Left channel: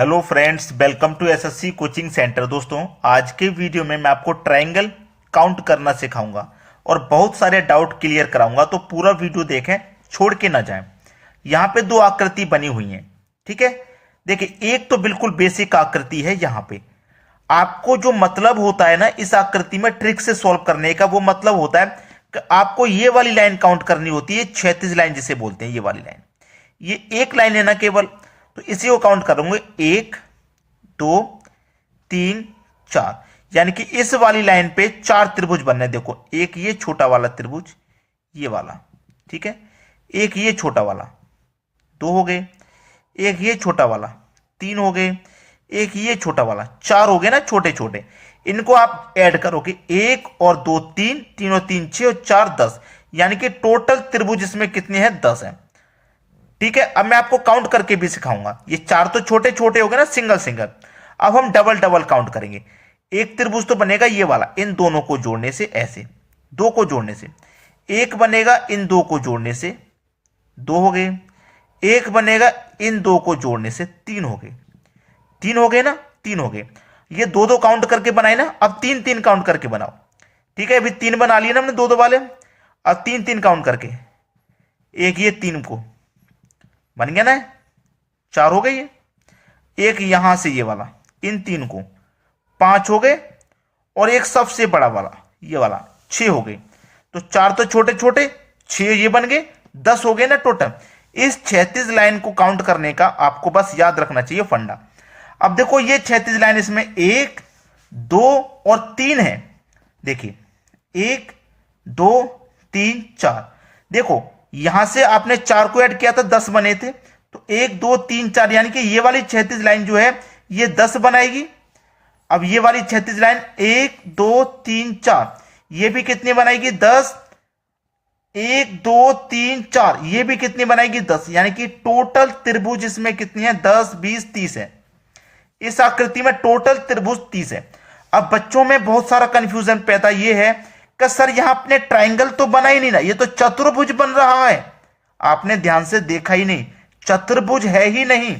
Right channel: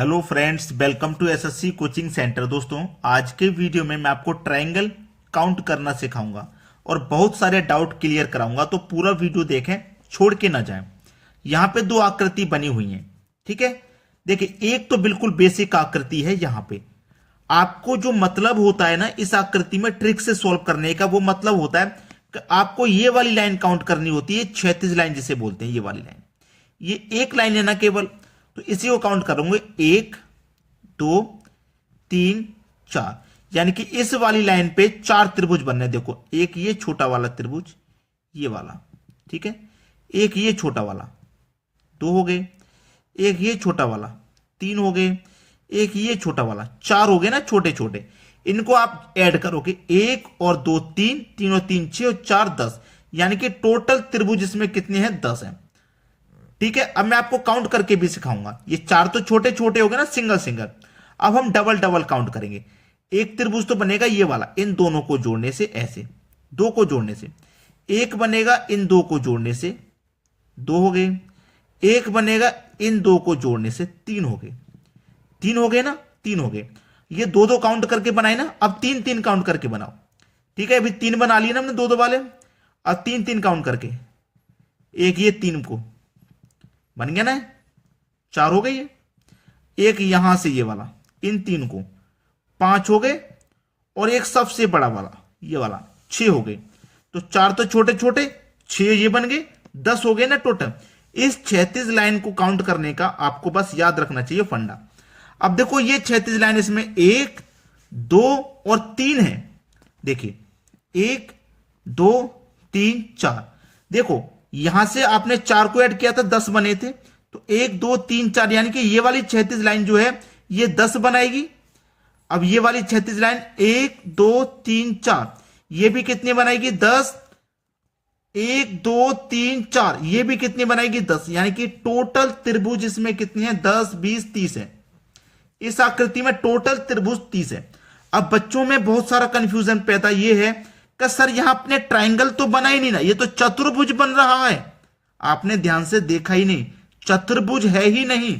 Hello friends, welcome to SSC coaching centre. दोस्तों, आज के वीडियो में मैं आपको ट्रायंगल काउंट करना सिखाऊंगा और बहुत सारे डाउट क्लियर कराऊंगा। तो पूरा वीडियो देखें, छोड़ के ना जाएं। यहाँ पे दो आकृति बनी हुई हैं, ठीक है। देखिए, एक तो बिल्कुल बेसिक आकृति है। यहाँ पे आपको जो मतलब होता है ना इस आकृति में ट्रिक से सॉल्व करने का, वो मतलब होता है कि आपको ये वाली लाइन काउंट करनी होती है, क्षैतिज लाइन जिसे बोलते हैं। ये वाली लाइन, ये एक लाइन है ना केवल, तो इसी को काउंट करूंगे। 1 2 3 4, यानी कि इस वाली लाइन पे 4 त्रिभुज बनने। देखो, एक ये छोटा वाला त्रिभुज, ये वाला, ठीक है। एक ये छोटा वाला, 2 हो गए। एक ये छोटा वाला, 3 हो गए। एक ये छोटा वाला, 4 हो गए ना छोटे छोटे। इनको आप ऐड करोगे, 1 और 2 3, 3 और 3 6 और 4 10, यानी कि टोटल त्रिभुज इसमें कितने हैं? 10 हैं, ठीक है। अब मैं आपको काउंट करके भी सिखाऊंगा। ये 4 तो छोटे छोटे हो गए ना, सिंगल सिंगल। अब हम डबल डबल काउंट करेंगे। एक त्रिभुज तो बनेगा ये वाला, इन दोनों को जोड़ने से, ऐसे 2 को जोड़ने से। एक बनेगा इन 2 को जोड़ने से, 2 हो गए। एक बनेगा इन 2 को जोड़ने से, 3 हो गए। 3 हो गए ना, 3 हो गए। ये 2 2 काउंट करके बनाए ना, अब 3 3 काउंट करके बनाओ, ठीक है। अभी 3 बना लिए ना हमने 2 2 वाले। अब 3 3 काउंट करके, एक ये 3 को बन गया ना, 4 हो गई है। एक यहां से ये वाला, इन 3 को 5 हो गए। और एक सबसे बड़ा वाला, ये वाला 6 हो गए। तो 4 तो छोटे छोटे, 6 ये बन गए, 10 हो गए ना टोटल। इस क्षैतिज लाइन को काउंट करने का आपको बस याद रखना चाहिए फंडा। अब देखो, ये क्षैतिज लाइन, इसमें 1 2 और 3 है। देखिए, 1 2 3 4। देखो, यहां से आपने 4 को ऐड किया था, 10 बने थे। तो 1 2 3 4, यानी कि ये वाली क्षैतिज लाइन जो है ये 10 बनाएगी। अब ये वाली क्षैतिज लाइन 1 2 3 4, ये भी कितनी बनाएगी? 10। 1 2 3 4, ये भी कितनी बनाएगी? 10। यानी कि टोटल त्रिभुज इसमें कितनी है? 10 20 30 है। इस आकृति में टोटल त्रिभुज 30 है। अब बच्चों में बहुत सारा कंफ्यूजन पैदा ये है कि सर यहां अपने ट्रायंगल तो बना ही नहीं ना, ये तो चतुर्भुज बन रहा है। आपने ध्यान से देखा ही नहीं, चतुर्भुज है ही नहीं।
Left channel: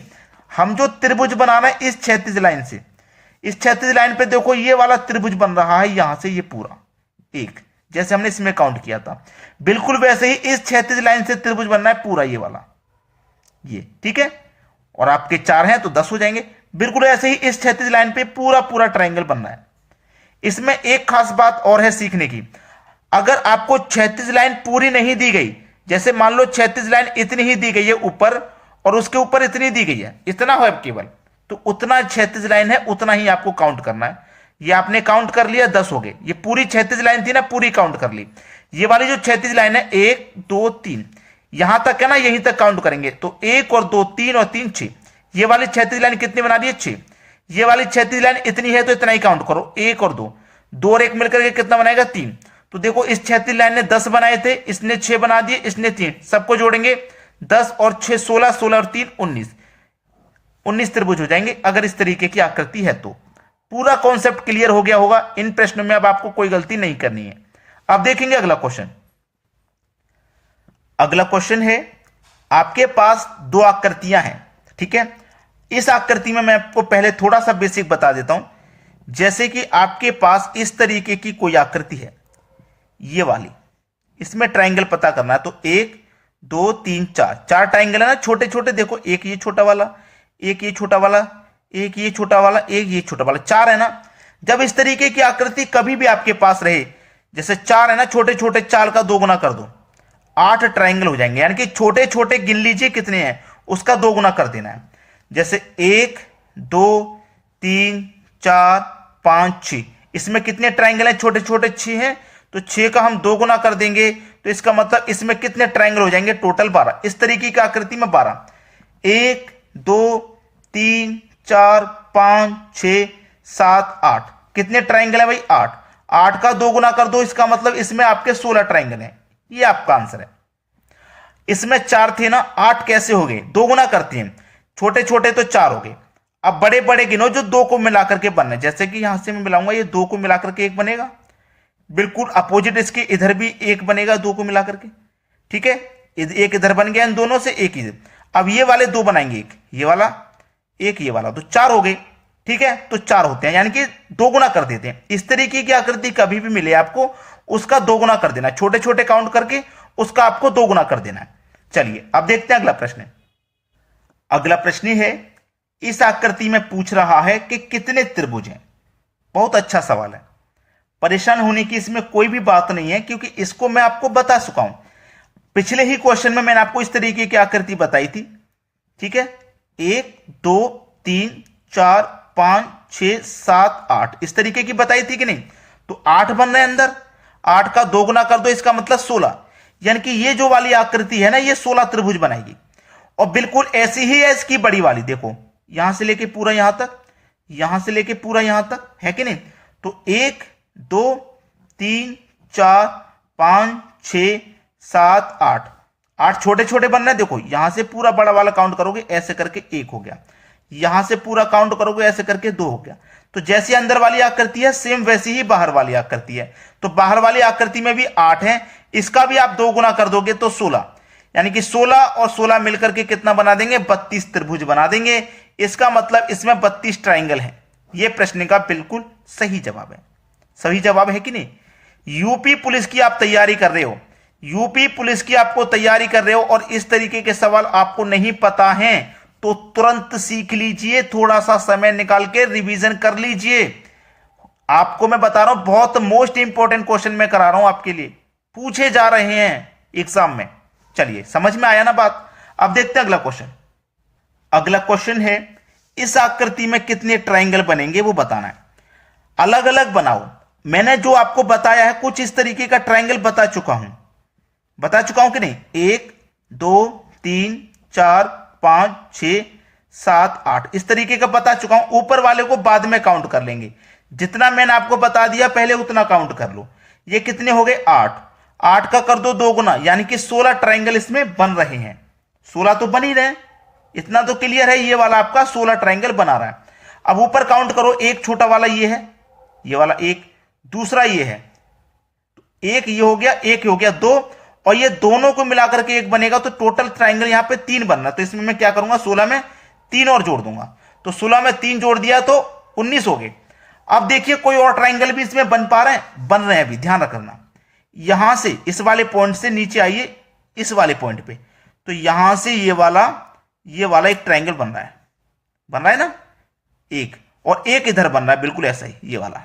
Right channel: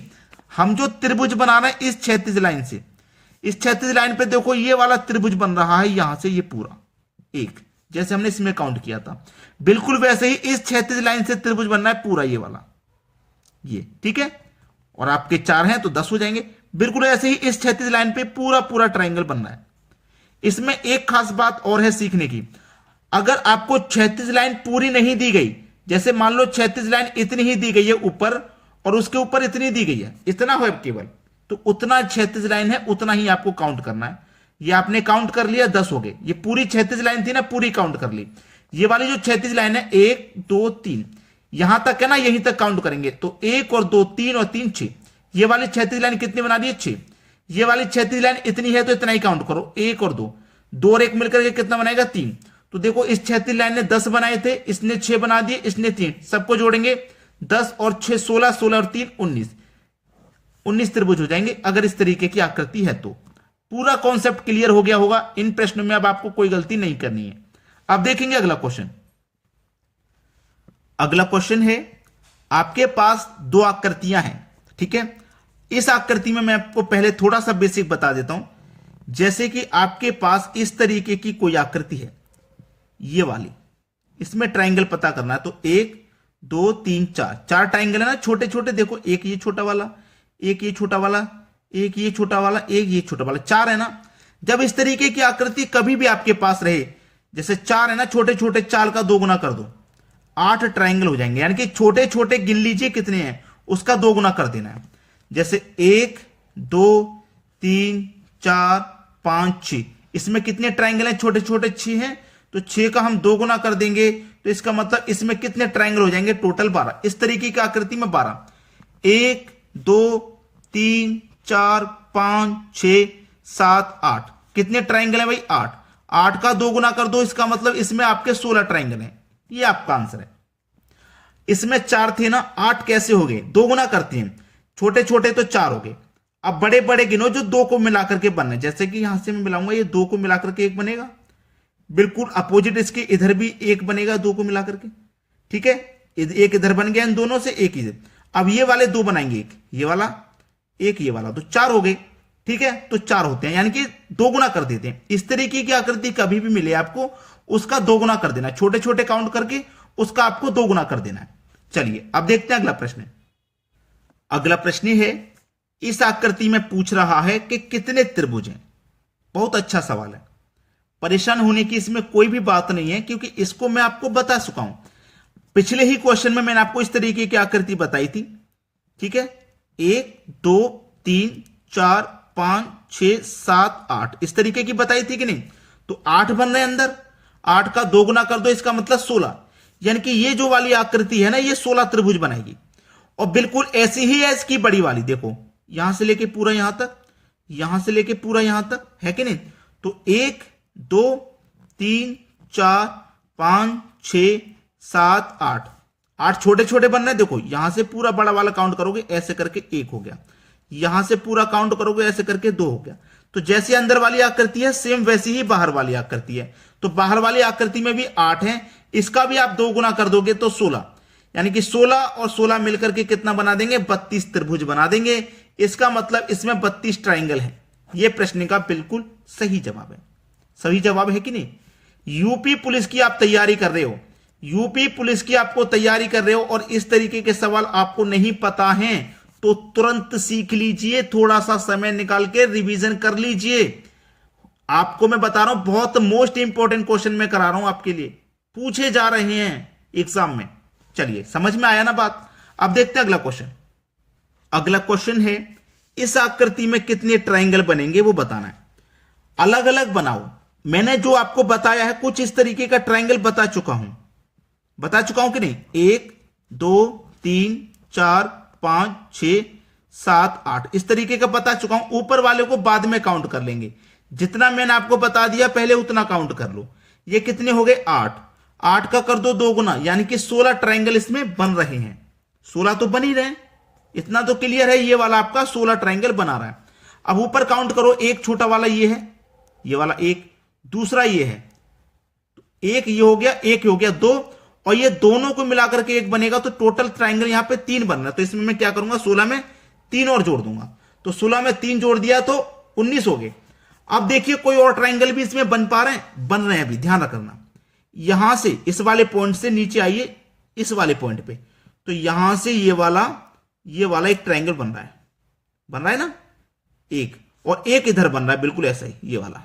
हम जो त्रिभुज बना रहे हैं इस क्षैतिज लाइन से, इस क्षैतिज लाइन पे देखो ये वाला त्रिभुज बन रहा है, यहां से ये पूरा एक, जैसे हमने इसमें काउंट किया था, बिल्कुल वैसे ही इस क्षैतिज लाइन से त्रिभुज बनना है पूरा, ये वाला, ये, ठीक है। और आपके 4 हैं तो 10 हो जाएंगे। बिल्कुल ऐसे ही इस क्षैतिज लाइन पे पूरा पूरा ट्रायंगल बनना है। इसमें एक खास बात और है सीखने की। अगर आपको क्षैतिज लाइन पूरी नहीं दी गई, जैसे मान लो क्षैतिज लाइन इतनी ही दी गई है ऊपर, और उसके ऊपर इतनी दी गई है, इतना हो केवल, तो उतना क्षैतिज लाइन है, उतना ही आपको काउंट करना है। ये आपने काउंट कर लिया, 10 हो गए। ये पूरी क्षैतिज लाइन थी ना, पूरी काउंट कर ली। ये वाली जो क्षैतिज लाइन है 1 2 3, यहां तक है ना, यहीं तक काउंट करेंगे। तो 1 और 2 3 और 3 6, ये वाली क्षैतिज लाइन कितनी बना दी है? 6। ये वाली क्षैतिज लाइन इतनी है तो इतना ही काउंट करो, 1 और 2, 2 और 1 मिलकर के कितना बनाएगा? 3। तो देखो, इस क्षैतिज लाइन ने 10 बनाए थे, इसने 6 बना दिए, इसने 3, सबको जोड़ेंगे 10 और 6 16, 16 और 3 19, 19 त्रिभुज हो जाएंगे अगर इस तरीके की आकृति है तो। पूरा कॉन्सेप्ट क्लियर हो गया होगा। इन प्रश्नों में अब आपको कोई गलती नहीं करनी है। अब देखेंगे अगला क्वेश्चन। अगला क्वेश्चन है, आपके पास 2 आकृतियां हैं, ठीक है। इस आकृति में मैं आपको पहले थोड़ा सा बेसिक बता देता हूं। जैसे कि आपके पास इस तरीके की कोई आकृति है, ये वाली, इसमें ट्रायंगल पता करना है। तो 1 2 3 4, 4 ट्रायंगल है ना छोटे छोटे। देखो, एक ये छोटा वाला, एक ये छोटा वाला, एक ये छोटा वाला, एक ये छोटा वाला, 4 है ना। जब इस तरीके की आकृति कभी भी आपके पास रहे, जैसे 4 है ना छोटे छोटे, 4 का 2 गुना कर दो, 8 ट्रायंगल हो जाएंगे। यानी कि छोटे छोटे गिन लीजिए कितने हैं, उसका 2 गुना कर देना है। जैसे 1 2 3 4 5 6, इसमें कितने ट्रायंगल हैं? छोटे छोटे 6 हैं। तो 6 का हम 2 गुना कर देंगे, तो इसका मतलब इसमें कितने ट्रायंगल हो जाएंगे? टोटल 12। इस तरीके की आकृति में 12, 1 2 3 4 5 6 7 8, कितने ट्रायंगल है भाई? 8। 8 का 2 गुना कर दो, इसका मतलब इसमें आपके 16 ट्रायंगल हैं। ये आपका आंसर है। इसमें 4 थे ना, 8 कैसे हो गए? 2 गुना करते हैं, छोटे छोटे तो 4 हो गए। अब बड़े बड़े गिनो जो 2 को मिलाकर के बनने। जैसे कि यहां से मैं मिलाऊंगा, ये 2 को मिलाकर के 1 बनेगा। बिल्कुल अपोजिट इसके इधर भी 1 बनेगा 2 को मिलाकर के, ठीक है। एक इधर बन गया इन दोनों से, एक इधर। अब ये वाले 2 बनाएंगे, एक ये वाला, एक ये वाला, तो 4 हो गए। ठीक है, तो 4 होते हैं, यानी कि 2 गुना कर देते हैं। इस तरीके की आकृति कभी भी मिले आपको, उसका 2 गुना कर देना, छोटे छोटे काउंट करके उसका आपको 2 गुना कर देना है। चलिए अब देखते हैं अगला प्रश्न। अगला प्रश्न है, इस आकृति में पूछ रहा है कि कितने त्रिभुज हैं। बहुत अच्छा सवाल है, परेशान होने की इसमें कोई भी बात नहीं है, क्योंकि इसको मैं आपको बता चुका हूं। पिछले ही क्वेश्चन में मैंने आपको इस तरीके की आकृति बताई थी। ठीक है, 1 2 3 4 5 6 7 8 इस तरीके की बताई थी कि नहीं। तो 8 बन रहे अंदर, 8 का 2 गुना कर दो, इसका मतलब 16, यानी कि ये जो वाली आकृति है ना, ये 16 त्रिभुज बनाएगी। और बिल्कुल ऐसी ही है इसकी बड़ी वाली, देखो यहां से लेके पूरा यहां तक, यहां से लेके पूरा यहां तक, है कि नहीं। तो 1 2 3 4 5 6 7 8, 8 छोटे छोटे बन रहे हैं। देखो यहां से पूरा बड़ा वाला काउंट करोगे ऐसे करके 1 हो गया, यहां से पूरा काउंट करोगे ऐसे करके 2 हो गया। तो जैसी अंदर वाली आकृति है सेम वैसी ही बाहर वाली आकृति है। तो बाहर वाली आकृति में भी 8 है, इसका भी आप 2 गुना कर दोगे तो 16, यानी कि 16 और 16 मिलकर के कितना बना देंगे, 32 त्रिभुज बना देंगे। इसका मतलब इसमें 32 ट्राइंगल है। यह प्रश्न का बिल्कुल सही जवाब है। सही जवाब है कि नहीं। यूपी पुलिस की आप तैयारी कर रहे हो, यूपी पुलिस की आपको तैयारी कर रहे हो और इस तरीके के सवाल आपको नहीं पता हैं, तो तुरंत सीख लीजिए, थोड़ा सा समय निकाल के रिवीजन कर लीजिए। आपको मैं बता रहा हूं, बहुत मोस्ट इंपॉर्टेंट क्वेश्चन मैं करा रहा हूं आपके लिए, पूछे जा रहे हैं एग्जाम में। चलिए समझ में आया ना बात। अब देखते हैं अगला क्वेश्चन। अगला क्वेश्चन है, इस आकृति में कितने ट्राइंगल बनेंगे वो बताना है। अलग अलग बनाओ। मैंने जो आपको बताया है कुछ इस तरीके का ट्राइंगल बता चुका हूं कि नहीं। 1 2 3 4 5 6 7 8 इस तरीके का बता चुका हूं। ऊपर वाले को बाद में काउंट कर लेंगे, जितना मैंने आपको बता दिया पहले उतना काउंट कर लो। ये कितने हो गए, 8, 8 का कर दो 2 गुना, यानी कि 16 ट्राइंगल इसमें बन रहे हैं। 16 तो बन ही रहे हैं, इतना तो क्लियर है। ये वाला आपका 16 ट्राइंगल बना रहा है। अब ऊपर काउंट करो, एक छोटा वाला ये है, ये वाला एक, दूसरा ये है, एक ये हो गया, एक हो गया 2, और ये दोनों को मिलाकर के एक बनेगा। तो टोटल ट्राइंगल यहां पे 3 बनना है। तो इसमें मैं क्या करूंगा, 16 में 3 और जोड़ दूंगा। तो 16 में 3 जोड़ दिया तो 19 हो गए। अब देखिए कोई और ट्राइंगल भी इसमें बन पा रहे हैं, बन रहे हैं अभी, ध्यान रखना। यहां से इस वाले पॉइंट से नीचे आइए इस वाले पॉइंट पे, तो यहां से ये वाला एक ट्राइंगल बन रहा है ना, एक, और एक इधर बन रहा है बिल्कुल ऐसा ही, ये वाला।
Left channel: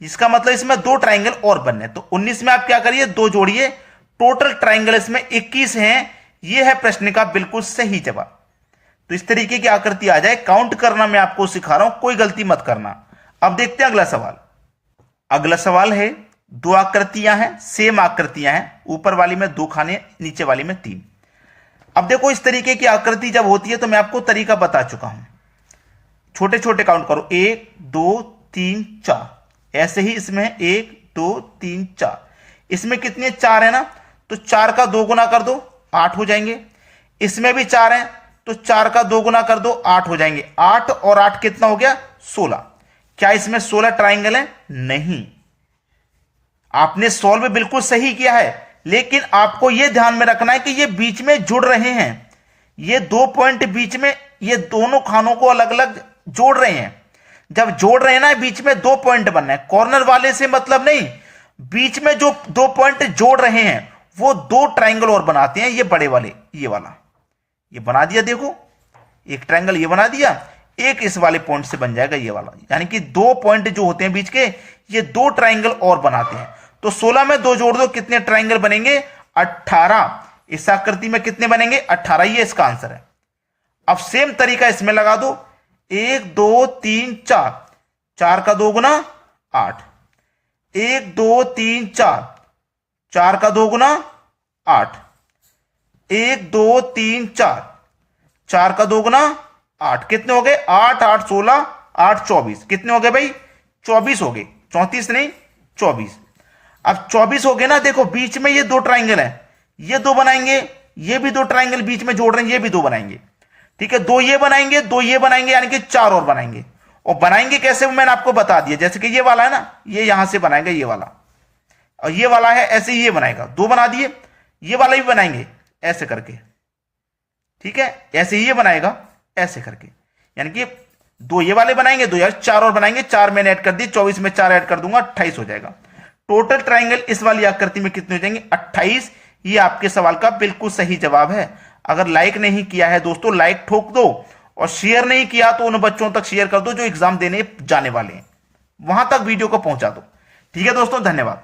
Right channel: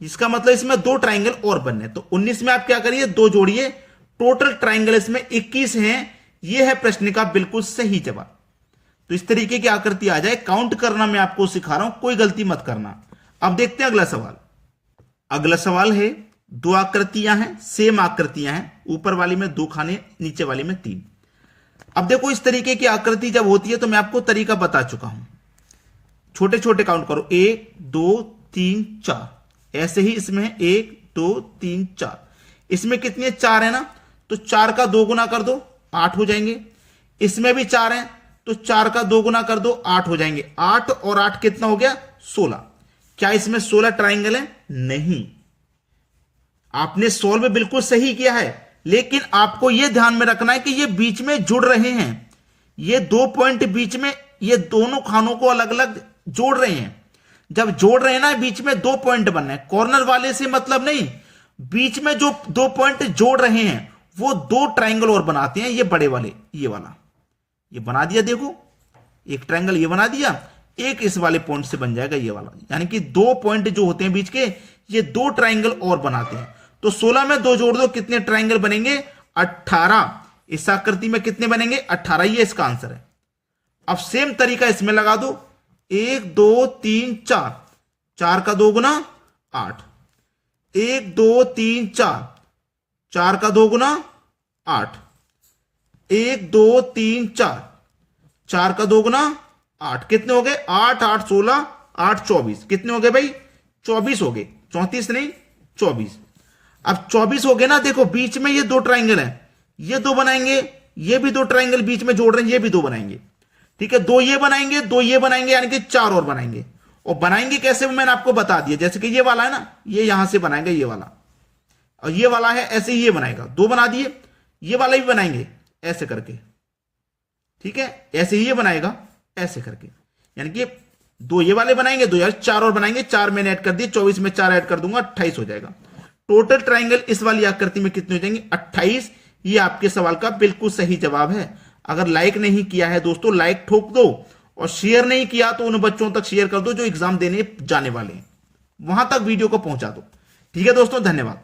इसका मतलब इसमें 2 ट्राइंगल और बनने। तो 19 में आप क्या करिए, 2 जोड़िए, टोटल ट्राइंगल इसमें 21 हैं। यह है प्रश्न का बिल्कुल सही जवाब। तो इस तरीके की आकृति आ जाए, काउंट करना मैं आपको सिखा रहा हूं, कोई गलती मत करना। अब देखते हैं अगला सवाल। अगला सवाल है, 2 आकृतियां हैं, सेम आकृतियां हैं, ऊपर वाली में 2 खाने, नीचे वाली में 3। अब देखो इस तरीके की आकृति जब होती है तो मैं आपको तरीका बता चुका हूं। छोटे छोटे काउंट करो, 1 2 3 4, ऐसे ही इसमें 1 2 3 4, इसमें कितने 4 है ना, तो 4 का 2 गुना कर दो 8 हो जाएंगे। इसमें भी 4 हैं, तो 4 का 2 गुना कर दो 8 हो जाएंगे। 8 और 8 कितना हो गया, 16। क्या इसमें 16 ट्राइंगल है? नहीं। आपने सॉल्व बिल्कुल सही किया है, लेकिन आपको यह ध्यान में रखना है कि ये बीच में जुड़ रहे हैं। ये 2 पॉइंट बीच में, ये दोनों खानों को अलग अलग जोड़ रहे हैं। जब जोड़ रहे हैं ना, बीच में 2 पॉइंट बनना है, कॉर्नर वाले से मतलब नहीं, बीच में जो 2 पॉइंट जोड़ रहे हैं वो 2 ट्राइंगल और बनाते हैं। ये बड़े वाले, ये वाला, ये बना दिया, देखो एक ट्राइंगल ये बना दिया, एक इस वाले पॉइंट से बन जाएगा ये वाला, यानी कि 2 पॉइंट जो होते हैं बीच के, ये 2 ट्राइंगल और बनाते हैं। तो 16 में 2 जोड़ दो, कितने ट्राइंगल बनेंगे, 18। इस आकृति में कितने बनेंगे, 18, ये इसका आंसर है। अब सेम तरीका इसमें लगा दो, 1 2 3 4, 4 का 2 गुना 8, 1 2 3 4, 4 का 2 गुना 8, 1 2 3 4, 4 का 2 गुना 8, कितने हो गए, 8 8 16, 8 24, कितने हो गए भाई, 24 हो गए, 34 नहीं 24। अब 24 हो गए ना, देखो बीच में ये 2 ट्राइंगल हैं, ये 2 बनाएंगे, ये भी 2 ट्राइंगल बीच में जोड़ रहे हैं, ये भी 2 बनाएंगे। ठीक है, 2 ये बनाएंगे, 2 ये बनाएंगे, यानी कि 4 और बनाएंगे। और बनाएंगे कैसे वो मैंने आपको बता दिया, जैसे कि ये वाला है ना, ये यहां से बनाएंगे ये वाला, और ये वाला है ऐसे ही ये बनाएगा, 2 बना दिए। ये वाला भी बनाएंगे ऐसे करके, ठीक है, ऐसे ही ये बनाएगा ऐसे करके, यानी कि दो ये वाले बनाएंगे, दो यार चार और बनाएंगे, चार मैंने ऐड कर दिए, 24 में चार ऐड कर दूंगा, 28 हो जाएगा। टोटल ट्राइंगल इस वाली आकृति में कितने हो जाएंगे? 28। ये आपके सवाल का बिल्कुल सही जवाब है। अगर लाइक नहीं किया है दोस्तों, लाइक ठोक दो, और शेयर नहीं किया तो उन बच्चों तक शेयर कर दो जो एग्जाम देने जाने वाले हैं, वहां तक वीडियो को पहुंचा दो। ठीक है दोस्तों, धन्यवाद।